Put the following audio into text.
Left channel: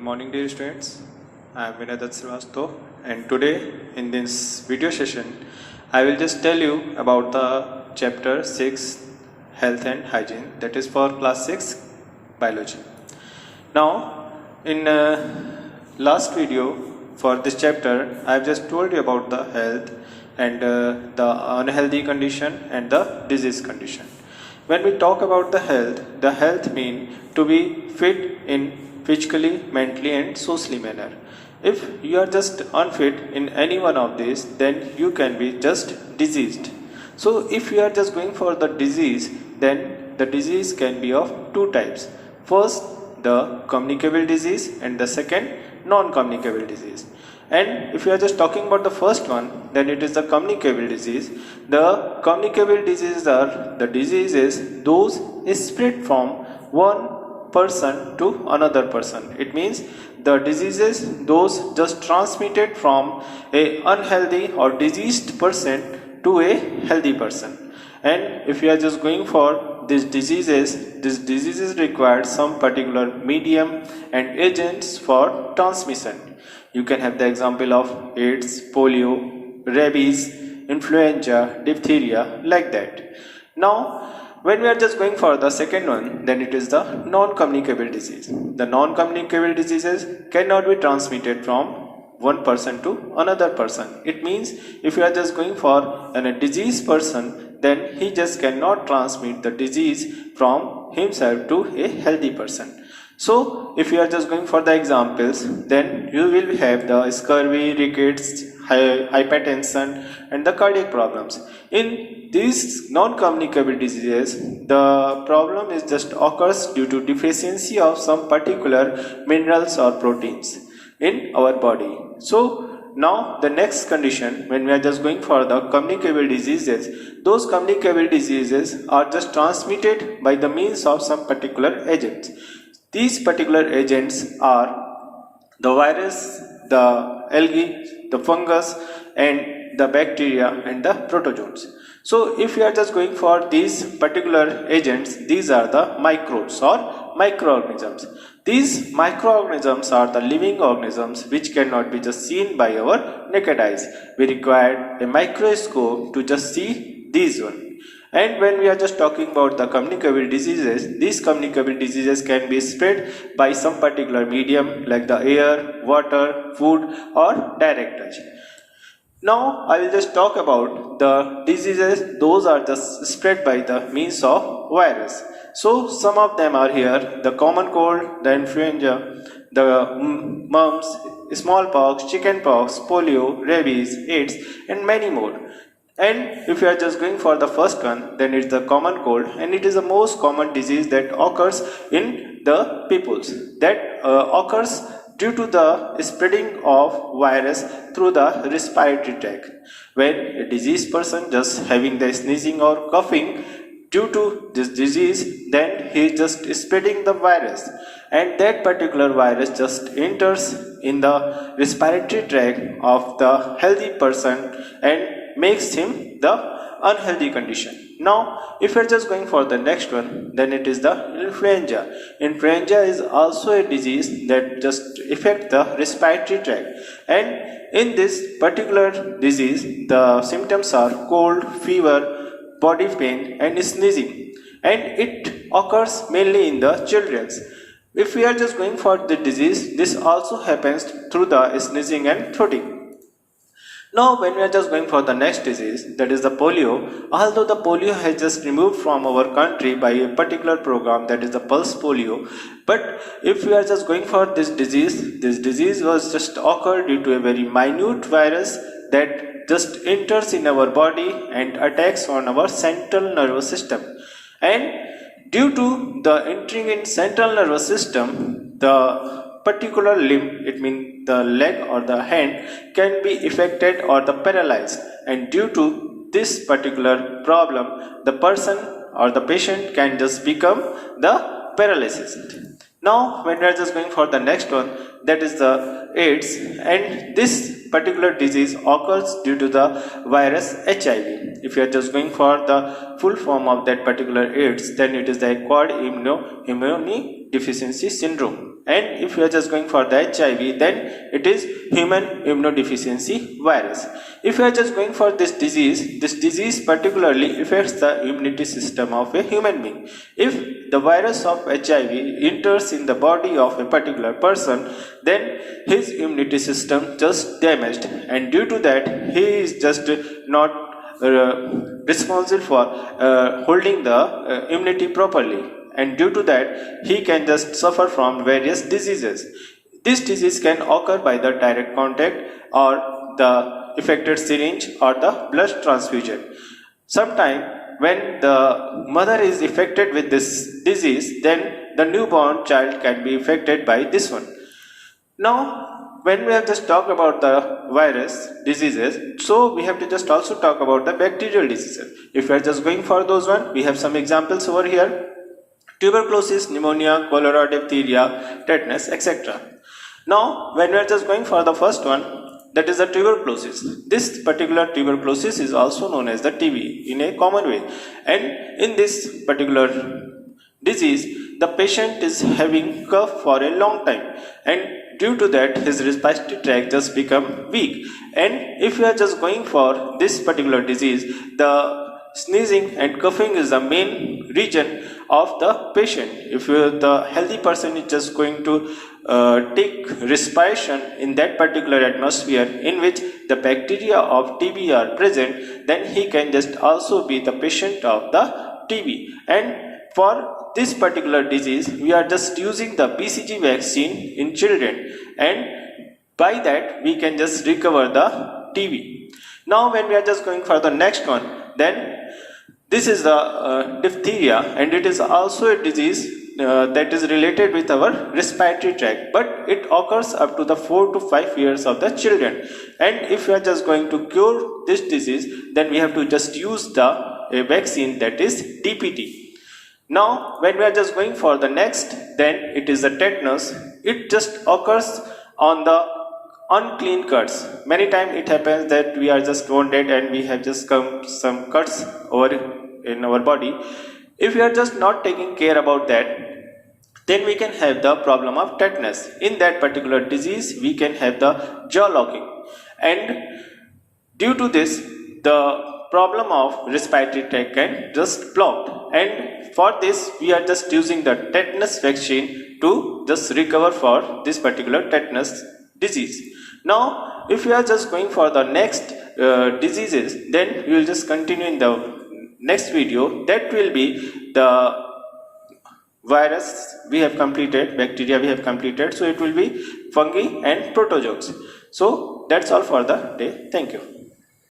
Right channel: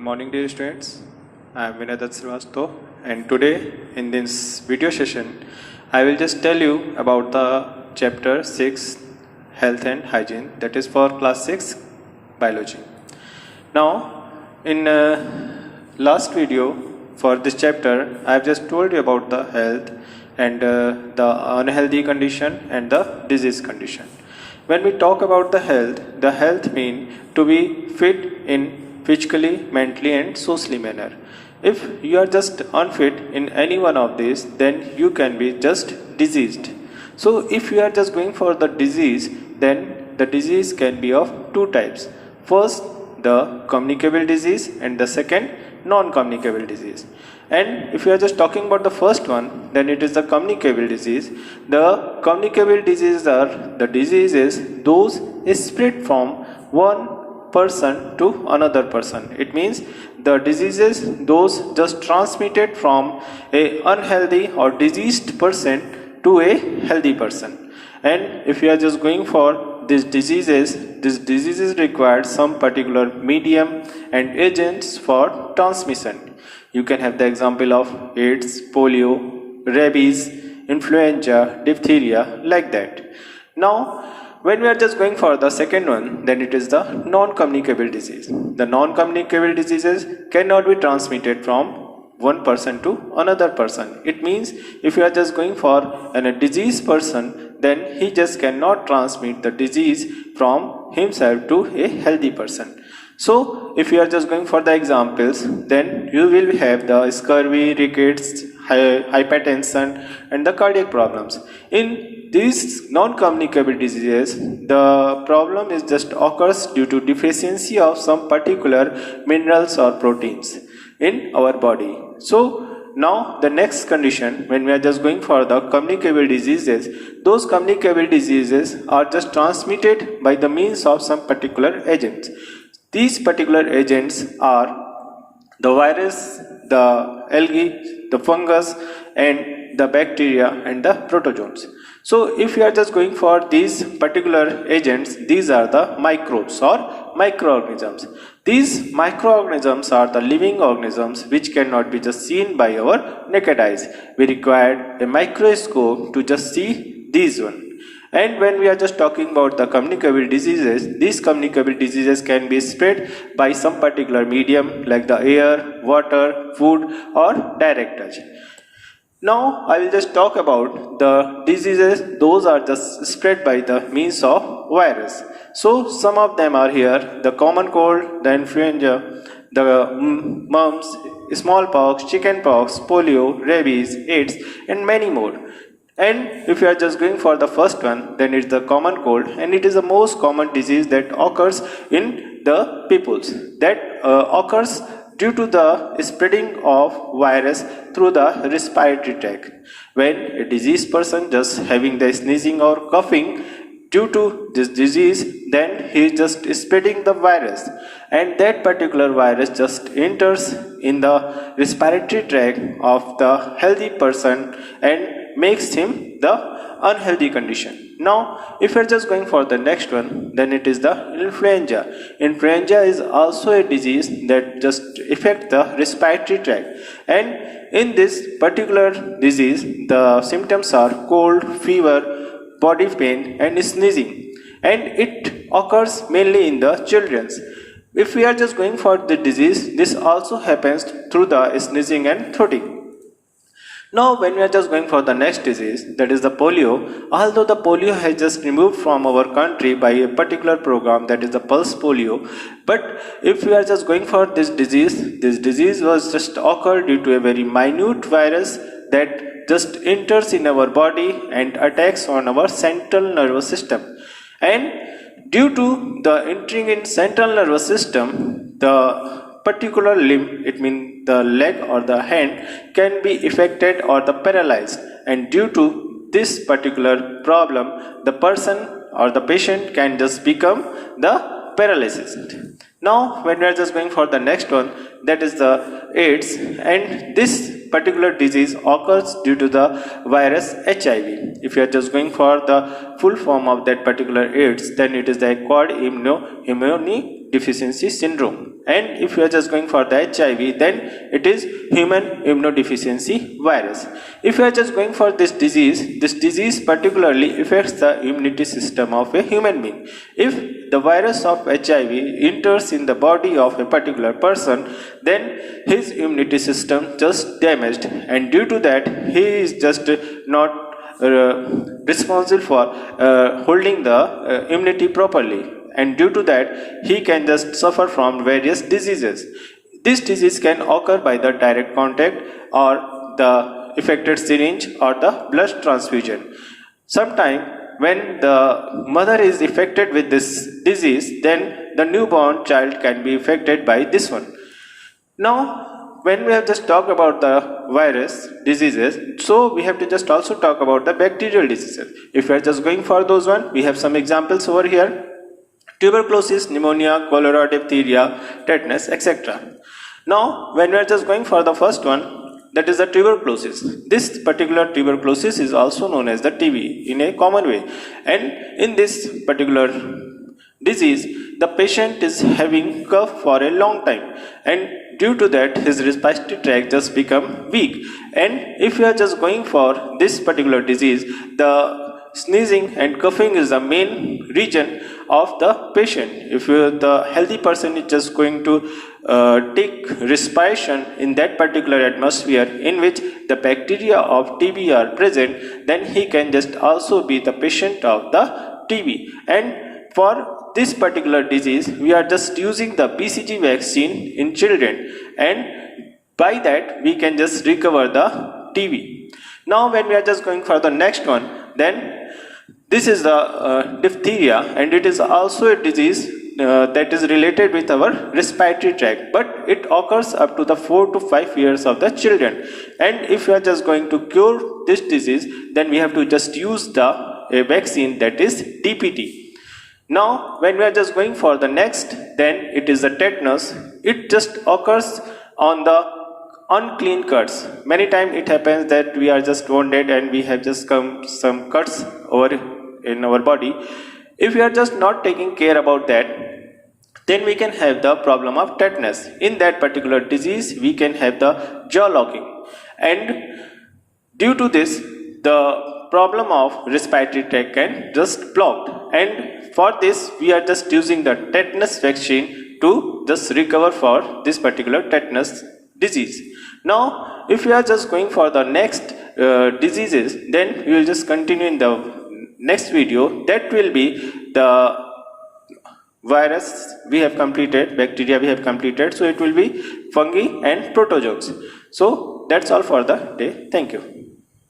Good morning, dear students. I am Vinadat Srivastav, and today in this video session, I will just tell you about the chapter 6 Health and Hygiene, that is for class 6 biology. Now, in last video for this chapter, I have just told you about the health and the unhealthy condition and the disease condition. When we talk about the health means to be fit in physically, mentally and socially manner. If you are just unfit in any one of these, then you can be just diseased. So if you are just going for the disease, then the disease can be of two types. First, the communicable disease, and the second, non-communicable disease. And if you are just talking about the first one, then it is the communicable disease. The communicable diseases are the diseases those is spread from one person to another person. It means the diseases those just transmitted from a unhealthy or diseased person to a healthy person. And if you are just going for these diseases require some particular medium and agents for transmission. You can have the example of AIDS, polio, rabies, influenza, diphtheria, like that. Now, when we are just going for the second one, then it is the non-communicable disease. The non-communicable diseases cannot be transmitted from one person to another person. It means if you are just going for a diseased person, then he just cannot transmit the disease from himself to a healthy person. So if you are just going for the examples, then you will have the scurvy, rickets, hypertension and the cardiac problems. In these non-communicable diseases, the problem is just occurs due to deficiency of some particular minerals or proteins in our body. So now the next condition, when we are just going for the communicable diseases, those communicable diseases are just transmitted by the means of some particular agents. These particular agents are the virus, the algae, the fungus and the bacteria and the protozoans. So if you are just going for these particular agents, these are the microbes or microorganisms. These microorganisms are the living organisms which cannot be just seen by our naked eyes. We require a microscope to just see these ones. And when we are just talking about the communicable diseases, these communicable diseases can be spread by some particular medium like the air, water, food or direct touch. Now I will just talk about the diseases those are just spread by the means of virus. So some of them are here: the common cold, the influenza, the mumps, smallpox, chickenpox, polio, rabies, AIDS and many more. And if you are just going for the first one, then it's the common cold, and it is the most common disease that occurs in the peoples. That occurs due to the spreading of virus through the respiratory tract. When a diseased person just having the sneezing or coughing due to this disease, then he is just spreading the virus, and that particular virus just enters in the respiratory tract of the healthy person and makes him the unhealthy condition. Now if you're just going for the next one, then it is the influenza. Influenza is also a disease that just affects the respiratory tract, and in this particular disease the symptoms are cold, fever, body pain and sneezing, and it occurs mainly in the children. If we are just going for the disease, this also happens through the sneezing and throating. Now when we are just going for the next disease, that is the polio, although the polio has just removed from our country by a particular program, that is the pulse polio, but if we are just going for this disease was just occurred due to a very minute virus that just enters in our body and attacks on our central nervous system. And due to the entering in central nervous system, the particular limb, it means the leg or the hand, can be affected or the paralyzed, and due to this particular problem the person or the patient can just become the paralysis. Now when we are just going for the next one, that is the AIDS, and this particular disease occurs due to the virus HIV. If you are just going for the full form of that particular AIDS, then it is the acquired immunodeficiency syndrome. And if you are just going for the HIV, then it is human immunodeficiency virus. If you are just going for this disease particularly affects the immunity system of a human being. If the virus of HIV enters in the body of a particular person, then his immunity system just damaged, and due to that he is just not responsible for holding the immunity properly, and due to that he can just suffer from various diseases. This disease can occur by the direct contact or the affected syringe or the blood transfusion. Sometimes when the mother is affected with this disease, then the newborn child can be affected by this one. Now, when we have just talked about the virus diseases, so we have to just also talk about the bacterial diseases. If we are just going for those one, we have some examples over here: tuberculosis, pneumonia, cholera, diphtheria, tetanus, etc. Now, when we are just going for the first one, that is the tuberculosis. This particular tuberculosis is also known as the TB in a common way. And in this particular disease, the patient is having cough for a long time, and due to that his respiratory tract just become weak. And if you are just going for this particular disease, the sneezing and coughing is the main region of the patient. If the healthy person is just going to take respiration in that particular atmosphere in which the bacteria of TB are present, then he can just also be the patient of the TB. And for this particular disease, we are just using the BCG vaccine in children, and by that we can just recover the TB. Now, when we are just going for the next one, then this is the diphtheria, and it is also a disease that is related with our respiratory tract, but it occurs up to the 4 to 5 years of the children. And if we are just going to cure this disease, then we have to just use a vaccine, that is DPT. Now, when we are just going for the next, then it is the tetanus. It just occurs on the unclean cuts. Many times it happens that we are just wounded and we have just come some cuts over in our body. If we are just not taking care about that, then we can have the problem of tetanus. In that particular disease, we can have the jaw locking, and due to this, the problem of respiratory tract can just blocked. And for this, we are just using the tetanus vaccine to just recover for this particular tetanus disease. Now, if we are just going for the next diseases, then we will just continue in the next video. That will be the virus we have completed, bacteria we have completed, so it will be fungi and protozoans. So that's all for the day. Thank you.